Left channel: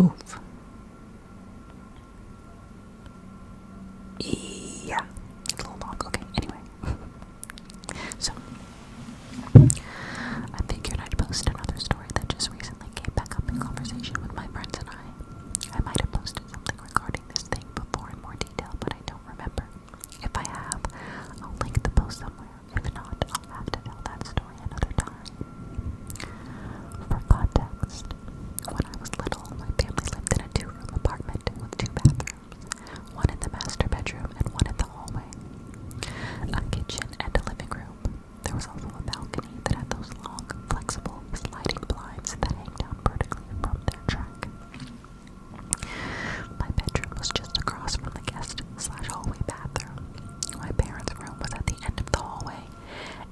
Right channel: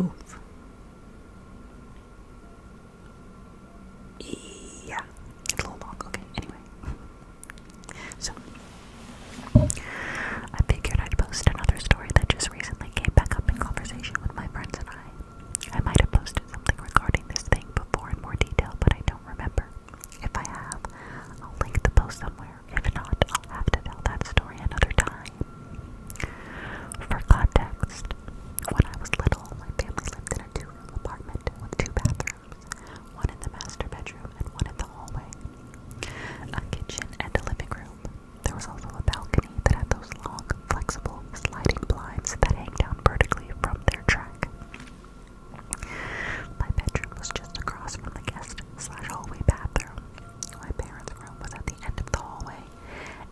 Oof. Yeah. It's a little long. Okay, anyway. So, I figured I'd post another story that just recently came back up in conversation with my friends and I. I might have posted something regarding this thing before in more detail, but I don't remember. If I have, I'll link the post somewhere. If not, I'll have to tell that story another time. For context, when I was little, my family lived in a 2-room apartment with 2 bathrooms, one in the master bedroom and one in the hallway, a kitchen and a living room. There was also a balcony that had those long, flexible, sliding blinds that hang down vertically from their track. My bedroom was just across from the guest/hallway bathroom. My parents' room was at the end of the hallway,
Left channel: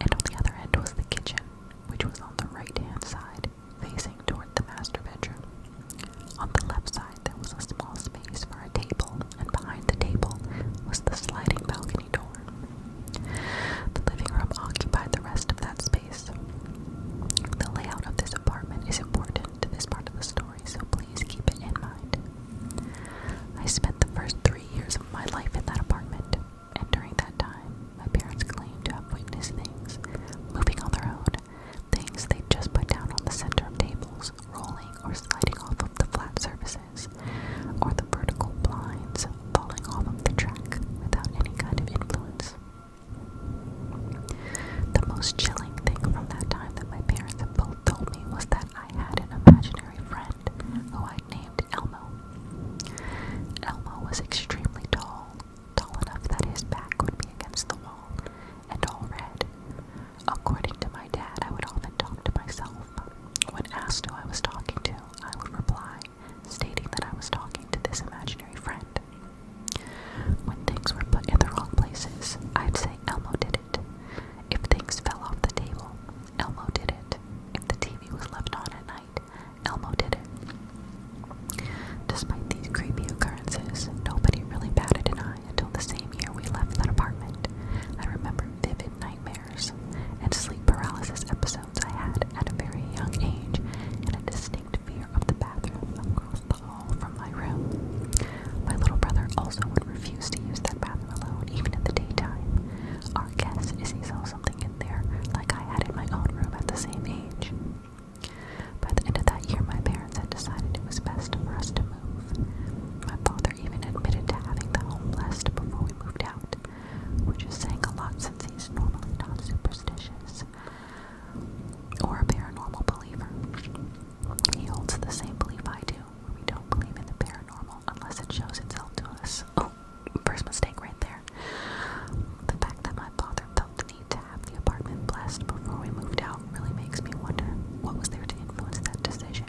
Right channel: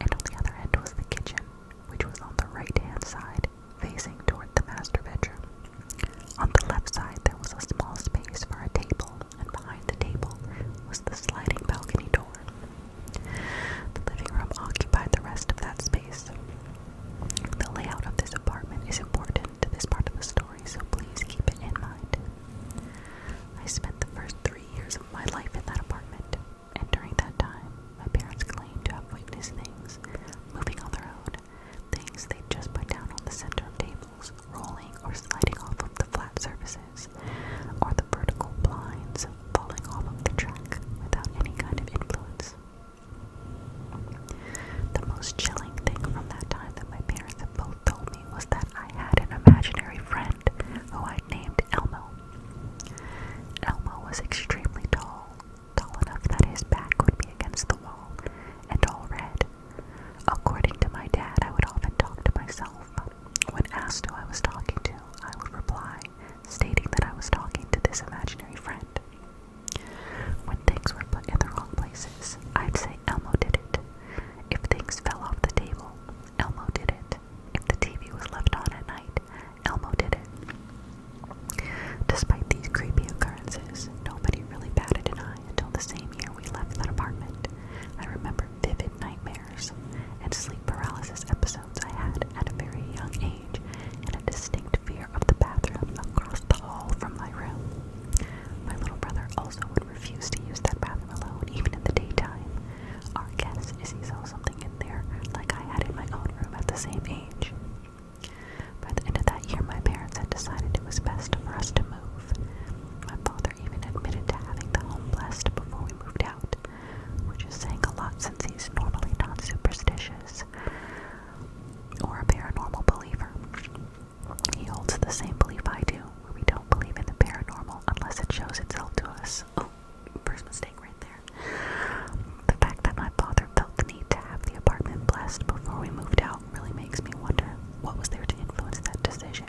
and on the other end was the kitchen, which was on the right-hand side, facing toward the master bedroom. On the left side, there was a small space for a table, and behind the table was the sliding balcony door. The living room occupied the rest of that space. The layout of this apartment is important to this part of the story, so please keep it in mind. I spent the first 3 years of my life in that apartment, and during that time, my parents claimed to have witnessed things moving on their own, things they'd just put down on the center of tables, rolling or sliding off of the flat surfaces, or the vertical blinds falling off of the track without any kind of influence. The most chilling thing from that time that my parents have both told me was that I had an imaginary friend who I'd named Elmo. Elmo was extremely tall, tall enough that his back would be against the wall, and all red. According to my dad, I would often talk to myself. When asked who I was talking to, I would reply, stating that I was talking to this imaginary friend. When things were put in the wrong places, I'd say Elmo did it. If things fell off the table, Elmo did it. If the TV was left on at night, Elmo did it. Despite these creepy occurrences, nobody really batted an eye until the same year we left that apartment. I remember vivid nightmares and sleep paralysis episodes I had at a very young age, and a distinct fear of the bathroom across the hall from my room. My little brother also would refuse to use that bathroom alone, even in the daytime. Our guess is he saw something in there like I had in my own room at the same age. By the end of that year, my parents had decided it was best for us to move. My father even admitted to having the home blessed before we moved out, which is saying a lot since he's normally not superstitious or a paranormal believer. He holds the same belief I do, where we don't believe in the paranormal unless it shows itself to us. Oh, first mistake right there. The fact that my father felt the need to have the apartment blessed before we moved out really makes me wonder what was there to influence that decision.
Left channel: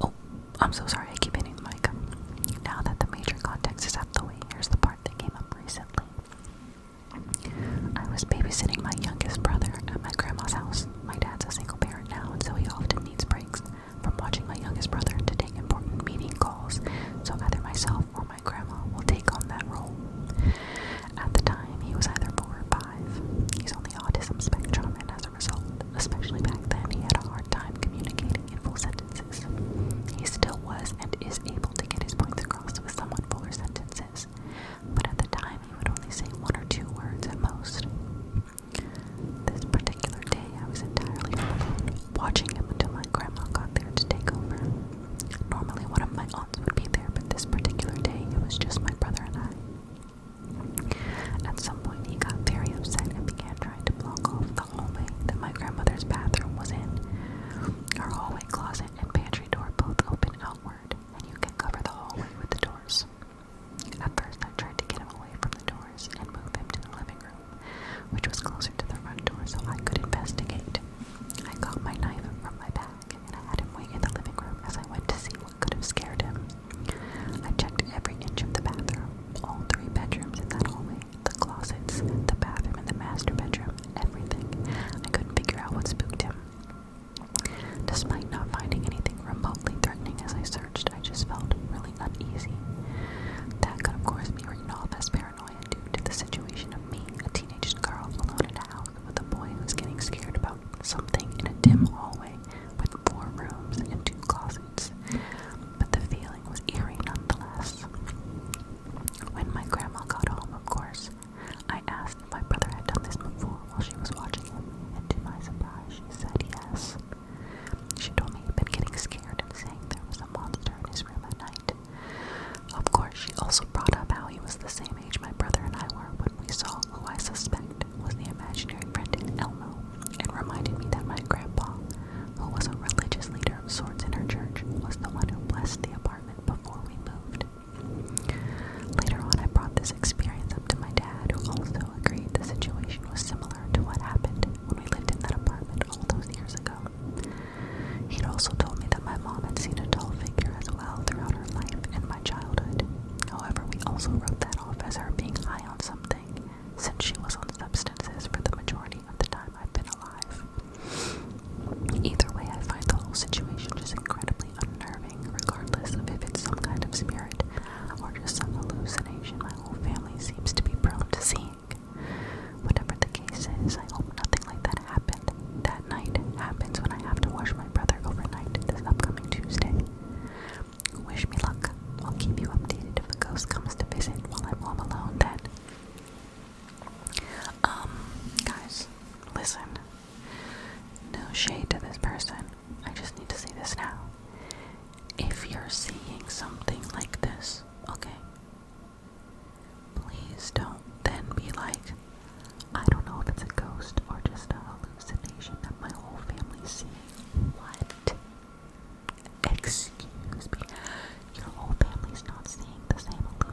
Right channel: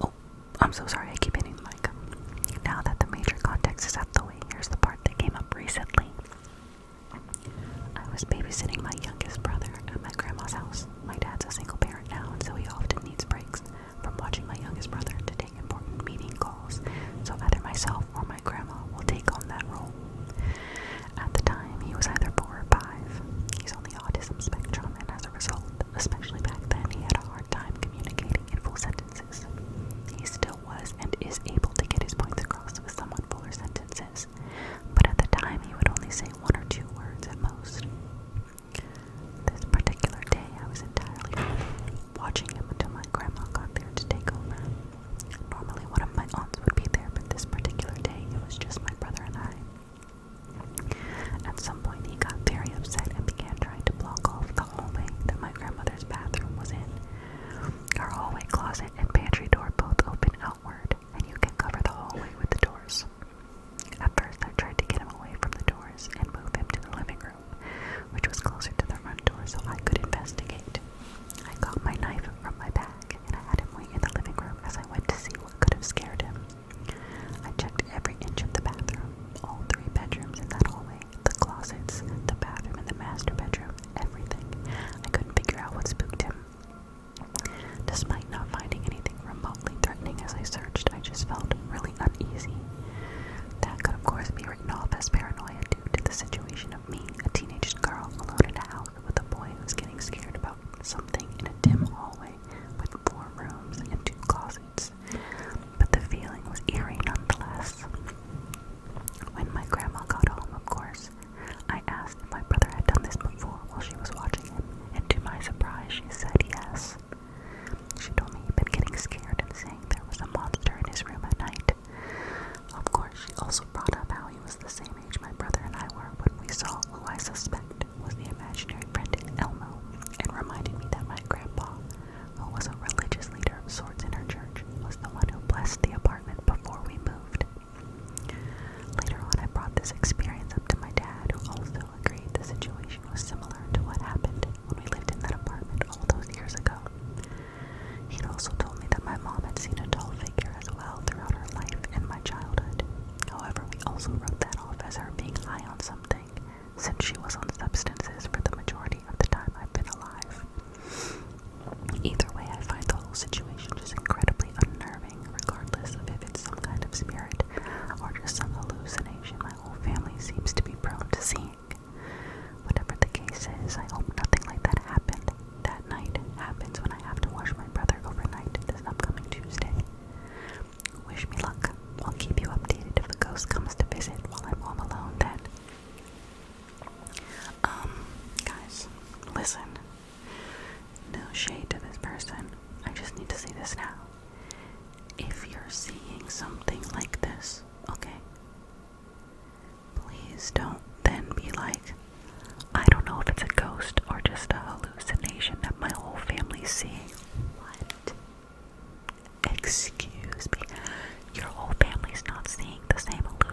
Oh, I'm so sorry, I keep hitting the mic. Now that the major context is out the way, here's the part that came up recently. I was babysitting my youngest brother at my grandma's house. My dad's a single parent now, and so he often needs breaks from watching my youngest brother to take important meeting calls, so either myself or my grandma will take on that role. At the time, he was either 4 or 5. He's on the autism spectrum, and as a result, especially back then, he had a hard time communicating in full sentences. He still was and is able to get his points across with somewhat fuller sentences, but at the time, he would only say 1 or 2 words at most. This particular day, I was entirely alone, watching him until my grandma got there to take over.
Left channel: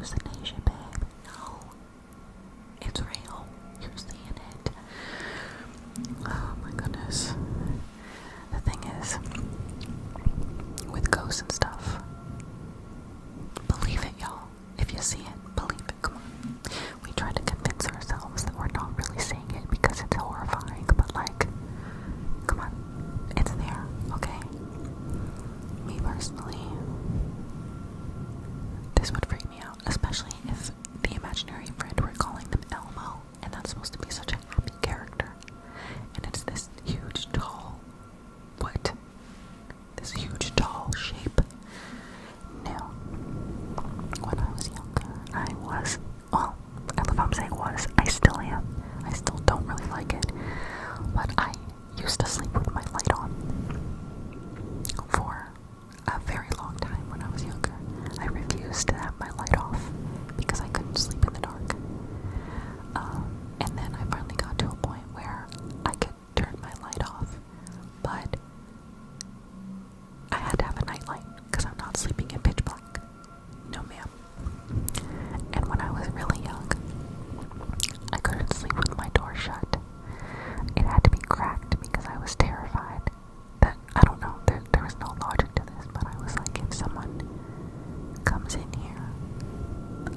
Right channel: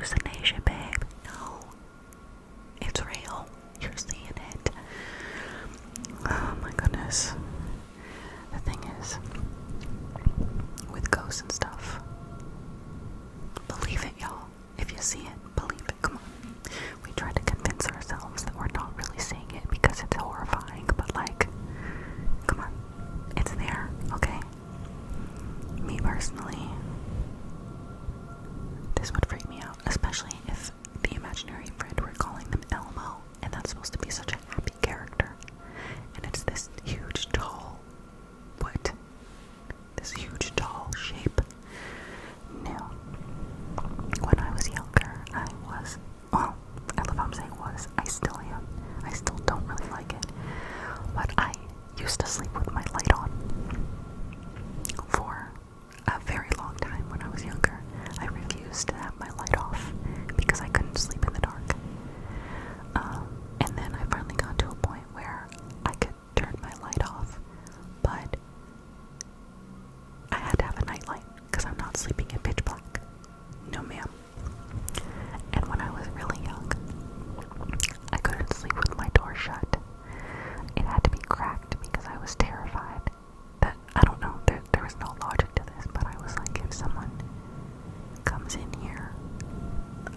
hallucination, babe. No. It's real. You're seeing it. Oh my goodness. The thing is, with ghosts and stuff, believe it, y'all. If you see it, believe it. Come on. We try to convince ourselves that we're not really seeing it because it's horrifying, but like, come on. It's there, okay? Me personally, this would freak me out, especially if the imaginary friend, we're calling them Elmo, and that's supposed to be such a happy character. And it's this huge, tall, this huge, tall shape. Now, when I was younger, I love how I'm saying was, I still am. I still don't really like it. But I used to sleep with my light on for a very long time when I was younger. I refused to have my light off because I couldn't sleep in the dark. And then I finally got to a point where I could turn my light off, but I had to have a nightlight because I'm not sleeping in pitch black. No, ma'am. And when I was really young, I couldn't sleep with my door shut. It had to be cracked because I was terrified that, I don't know, there was no logic to this, but I was like, if someone comes in here,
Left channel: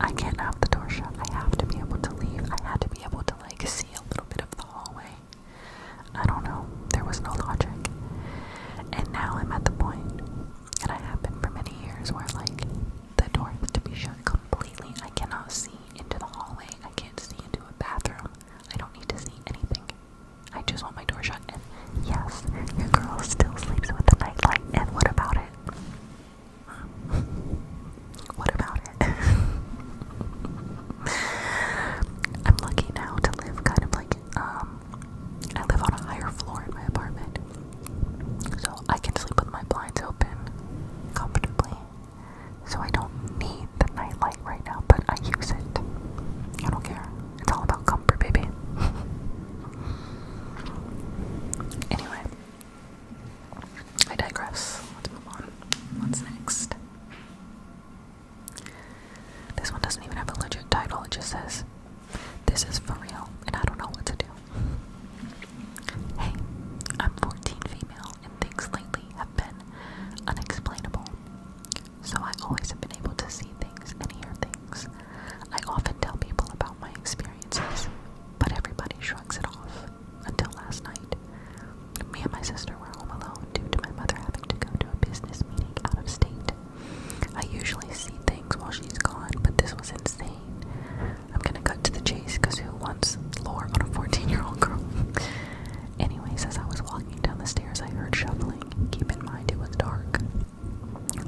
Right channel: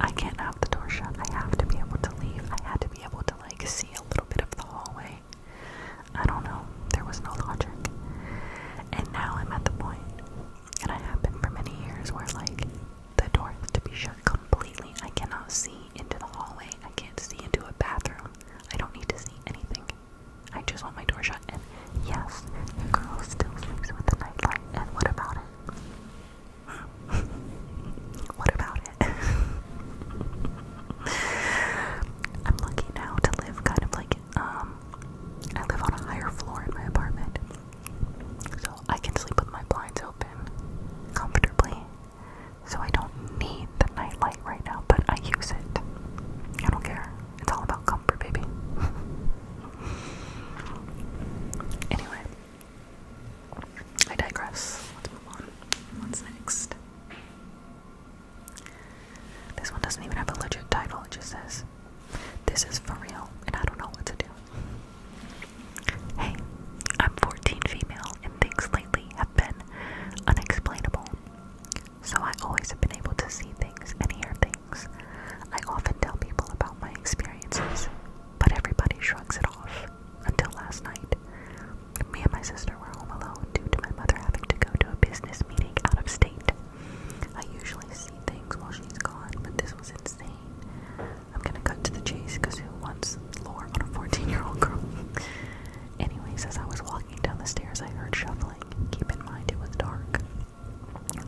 I can't have the door shut. I have to be able to leave. I had to be able to like see a little bit of the hallway. I don't know. There was no logic. And now I'm at the point, and I have been for many years, where like the door has to be shut completely. I cannot see into the hallway. I can't see into a bathroom. I don't need to see anything. I just want my door shut. And yes, your girl still sleeps with the nightlight. And what about it? What about it? I'm lucky now to live kind of like, I live on a higher floor in my apartment. So I can sleep with my blinds open comfortably. So I don't need the nightlight right now, but I use it. I don't care. It's all about comfort, baby. Anyway, I digress. Let's move on. What's next? This one doesn't even have a legit title. It just says, "This is for real, and I don't know what to do." Hey, I'm 14 female, and things lately have been unexplainable. So I always have been able to see things and hear things. I often tell people about my experiences, but everybody shrugs it off. Until last night, me and my sister were home alone due to my mother having to go to a business meeting out of state. I usually see things while she's gone, but this was insane. I'm gonna cut to the chase, because who wants lore on a 14-year-old girl? Anyways, as I was walking down the stairs, I heard shuffling. Keep in mind it was dark.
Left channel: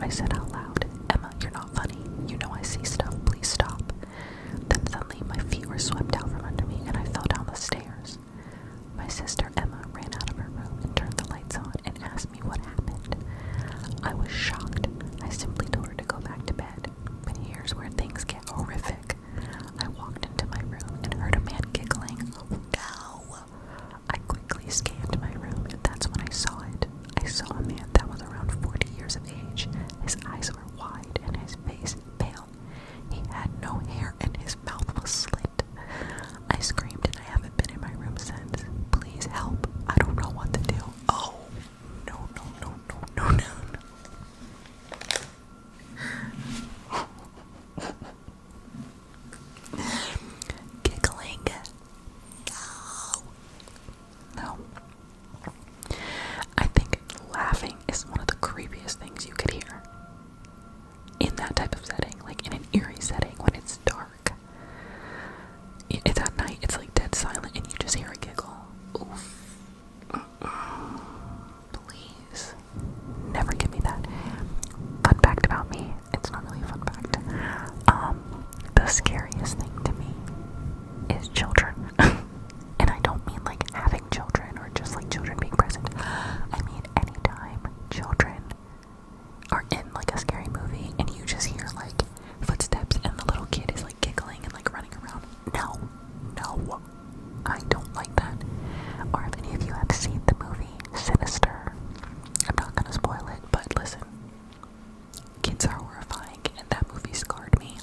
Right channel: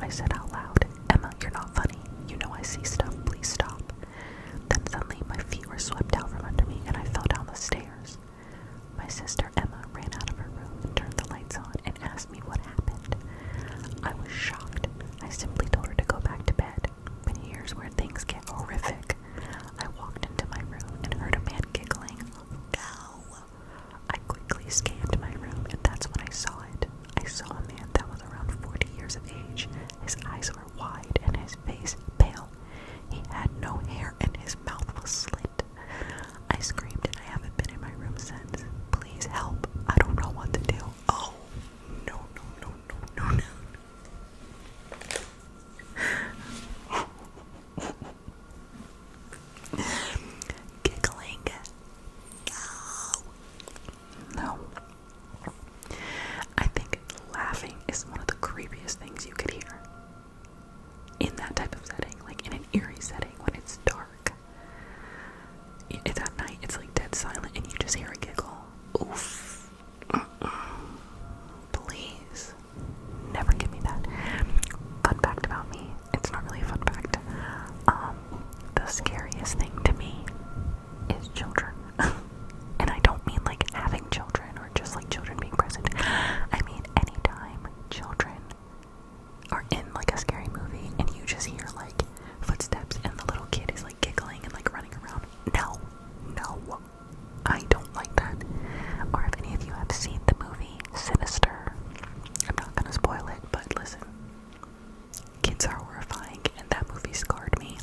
I said out loud, "Emma, you're not funny. You know I see stuff. Please stop." Then suddenly my feet were swept out from under me and I fell down the stairs. My sister Emma ran out of her room and turned the lights on and asked me what happened. I was shocked. I simply told her to go back to bed. But here's where things get horrific. I walked into my room and heard a man giggling. Go! I quickly scanned my room, and that's when I saw it. I saw a man that was around 40 years of age. His eyes were wide and his face pale. He had no hair and his mouth was slit. I screamed and I haven't been in my room since. Please help. I don't know what to do. Oh, no, no, no, no, no, no. Giggling. No. I think laughing is one of the creepiest things you could hear. In that type of setting, like in an eerie setting when it's dark. It's at night, it's like dead silent and you just hear a giggle. Oof. Please. Never give me that. Fun fact about me, it's not really a fun fact. The scariest thing to me is children. And I don't mean like having children or just like children being present. I mean anytime children are in like a scary movie and you just hear like footsteps and the little kid is like giggling and like running around. No, I don't like that. Or if any of you have seen the movie Sinister, I'm not gonna spoil it, but listen, kids are horrifying and that movie scarred me.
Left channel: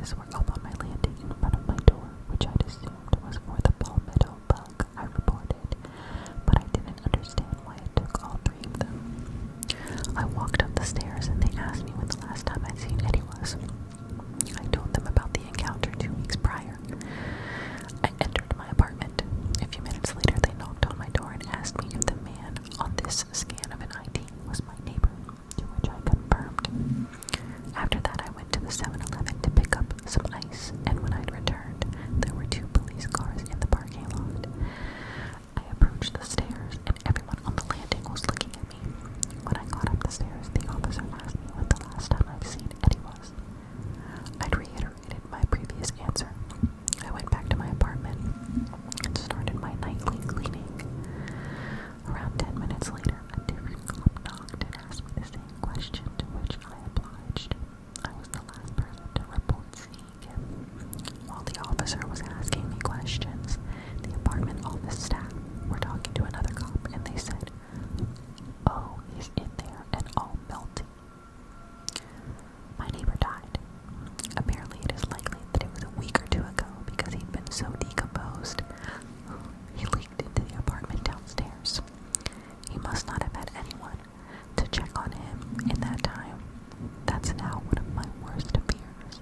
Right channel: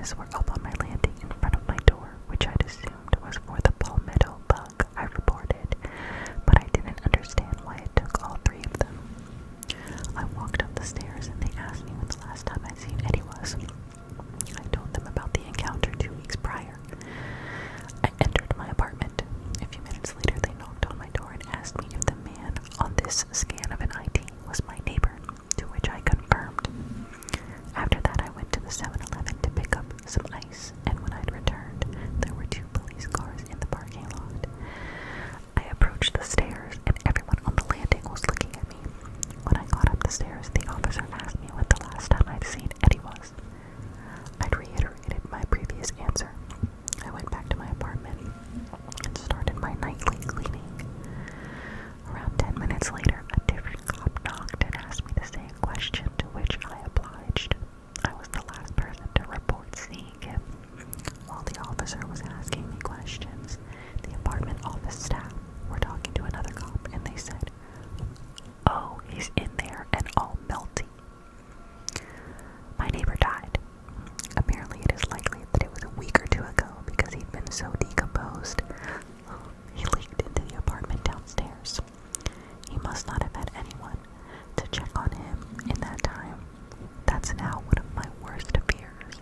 office were up on my landing in front of my door, which I'd assumed was for the palmetto bug I reported, but I didn't understand why it took all three of them. I walked up the stairs and they asked me when the last time I'd seen Eddie was. I told them about the encounter 2 weeks prior. I entered my apartment. A few minutes later, they knocked on my door and asked me if the man on this scan of an ID was my neighbor, to which I confirmed. After that, I went to the 7-Eleven to pick up some ice, and when I'd returned, there were 2 police cars in the parking lot. I approached the stairs, and everyone on the landing was looking at me. When I got up the stairs, the officer asked me when the last time I'd seen Eddie was. I'd reiterated my previous answer. I went back to my apartment and started my nightly cleaning. Around 10 minutes later, a different cop knocked and asked me the same question, to which I obliged. I was the last person to report seeing him. While the officer was asking me questions, the apartment office staff were talking to another cop, and they said, "Oh, he's in there and all melty." My neighbor died. Apparently it is likely that it was a week or 2 ago because he'd been so decomposed. He leaked into the apartment downstairs. He must not have had anyone to check on him in that time. That's now one of my worst fears.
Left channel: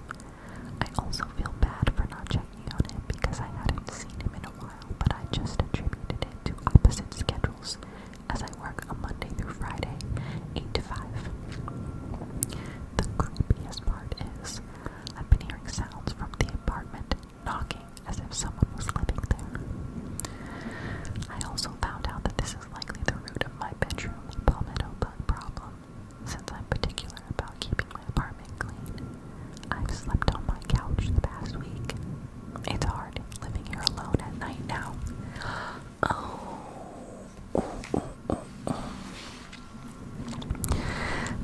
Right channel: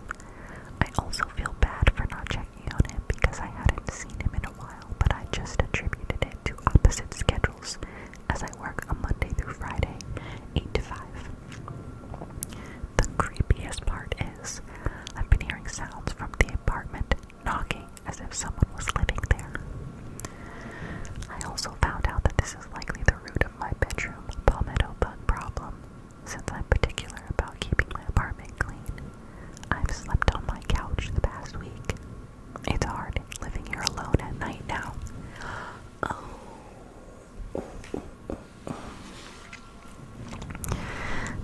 I also feel bad for not checking on him because I hadn't seen him in a while, but I just attributed it to opposite schedules, as I work a Monday through Friday, 8 to 5. The creepiest part is, I've been hearing sounds from the apartment knocking as if someone was living there. I also found out that this is likely the root of my bedroom palmetto bug problem, since I'm particular about keeping my apartment clean. I've slept on my couch the past week. It's hard living here alone at night now.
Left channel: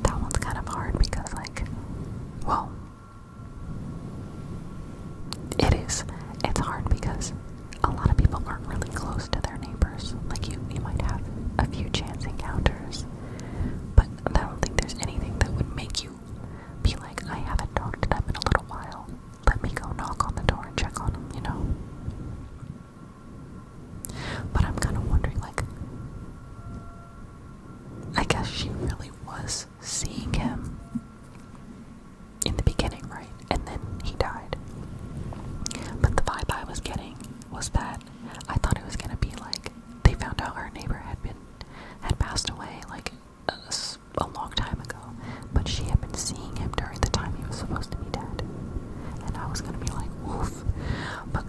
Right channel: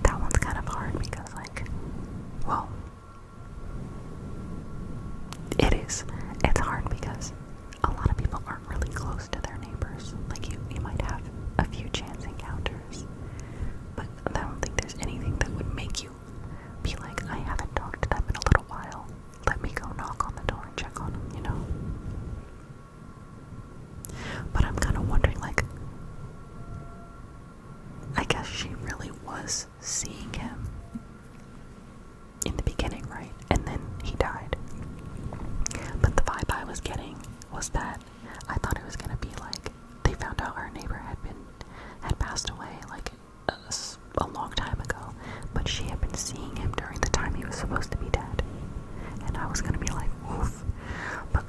That one's kind of hard because, well, it is. It's hard because a lot of people aren't really close to their neighbors. Like, you might have a few chance encounters, but I don't think there's anything that would make you be like, I haven't talked to them in a little while. Let me go knock on the door and check on them, you know? But I'm kind of wondering, I guess she really was seeing him in the beginning, right? And then he died. But the vibe I was getting was that I thought it was gonna be like they found out our neighbor had passed away a long time ago, but she had been seeing him during the time he was supposed to be dead. And I was gonna be like, oof. But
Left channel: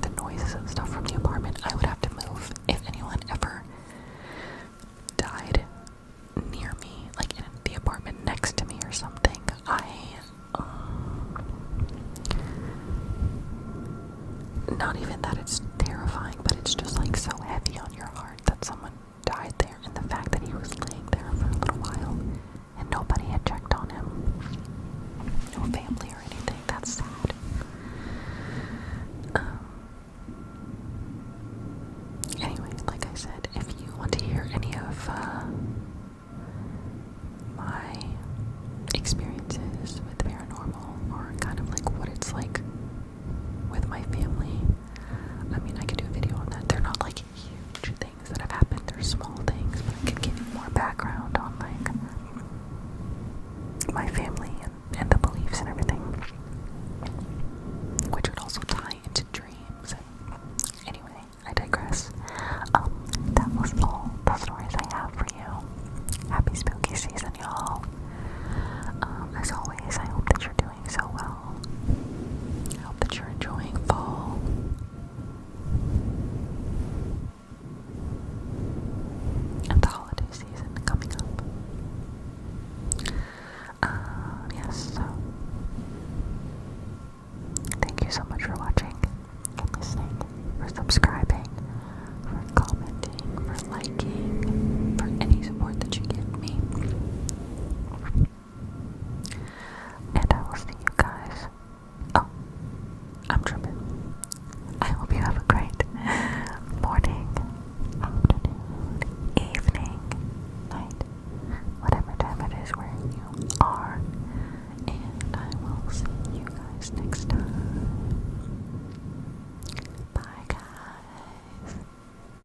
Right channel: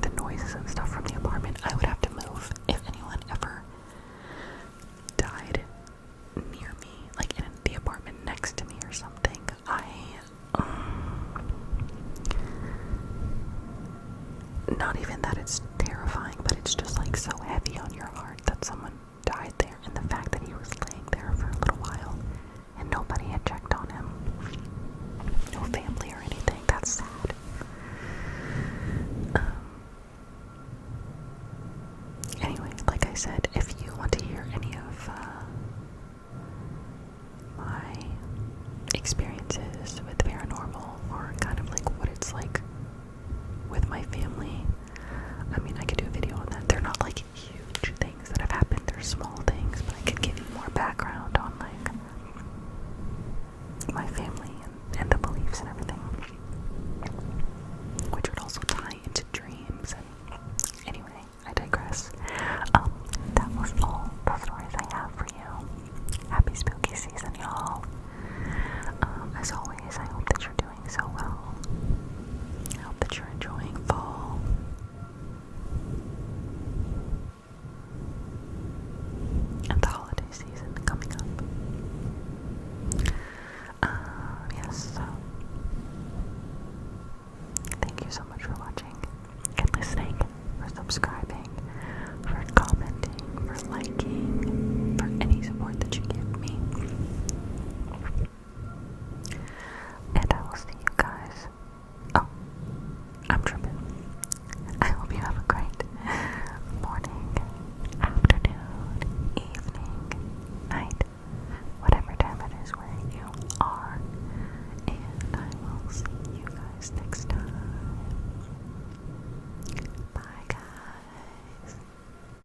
the noises and stuff from the apartment, I would have to move if anyone ever died near me, in the apartment next to me or something. Not even that it's terrifying, but it's just so heavy on your heart that someone died there, and the fact that he was laying there for a little while and nobody had checked on him. No family